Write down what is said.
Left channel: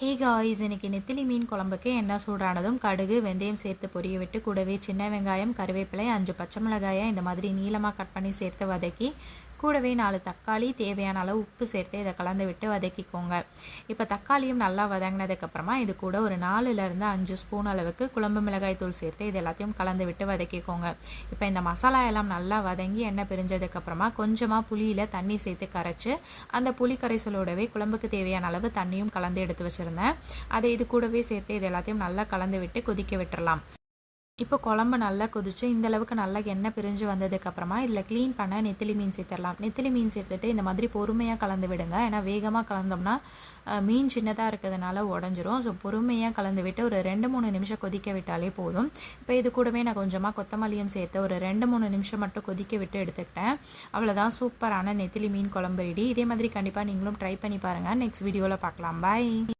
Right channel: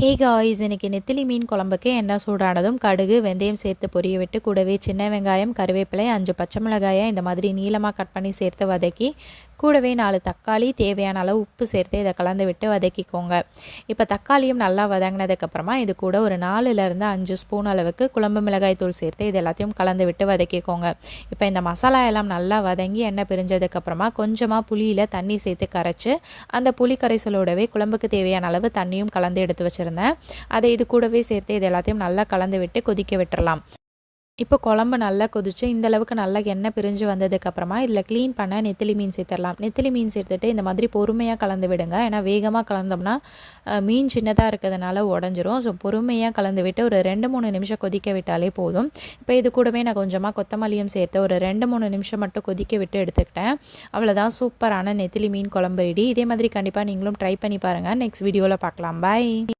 Hey guys, இன்றைக்கி நெத்திலி மீன் குழம்புக்கு எண்ணெய் சூடானதும் கடுகு வெந்தயம் சேர்த்து பொரிய விட்டு கூடவே சின்ன வெங்காயம் கருவேப்பிலை 5 பச்சை மிளகாயை இந்த மாதிரி நீளமாக கட் பண்ணி சேர்த்து வதக்கி கூடவே 4 தக்காளி தேவையான அளவு உப்பு சேர்த்து இதை கலந்து விட்டு வதக்கிக்கோங்க. இப்போ தக்காளியும் நல்லா வதங்கினதுக்கப்புறமா இது கூட ஒரு 4லேருந்து 5 ஸ்பூன் அளவுக்கு குழம்பு மிளகாய் தூள் சேர்த்து இது எல்லாத்தையும் கலந்து விட்டு வதக்கிக்கோங்க. இப்போ இந்த மசாலா எல்லாம் நல்லா வதங்கி எண்ணெய் பிரிஞ்சதுக்கப்புறமா கொஞ்சமாக புளியில் தண்ணி சேர்த்து கரைச்சி அந்த புளி கரைசலோடவே குழம்புக்கு தேவையான அளவு தண்ணியும் கலந்து எடுத்து வச்சிருந்தேன். அதை இது கூடவே சேர்த்து இது எல்லாத்தையும் நல்லா கலந்து விட்டு கொதிக்க விட்டுறலாம். இப்போ குழம்பு நல்லா கொதிச்சு இந்த அளவுக்கு நல்லா எண்ணெய் பிரிஞ்சு வந்ததுக்கப்புறமா இதில் க்ளீன் பண்ண நெத்திலி மீன் சேர்த்துடலாம். நெத்திலி மீன் சேர்த்துட்டு இந்த மாதிரி பொறுமையாக கலந்து விடுங்க. ஏன்னா வேகமாக கலந்தோம்னா மீன் சின்னதாக இருக்கிறதுனால உடஞ்சிரும். ஸோ பொறுமையாக கலந்து விட்டு ஒரு 2-3 நிமிஷம் கொதிக்க விட்டாலே போதும். இப்போ இது கூடவே நான் கொஞ்சமாக கொத்தமல்லியும் சேர்த்து ஒரு 2-3 நிமிஷம் மட்டும் கொதிக்க விட்டு எடுத்துக்கிட்டேன். அவ்வளோதான், சூப்பரான நெத்திலி மீன் குழம்பு ரெடி. இதே மாதிரி கண்டிப்பாக நீங்களும் ட்ரை பண்ணி பாருங்கள். நெக்ஸ்ட் வீடியோவில் பார்க்கலாம். பாய்.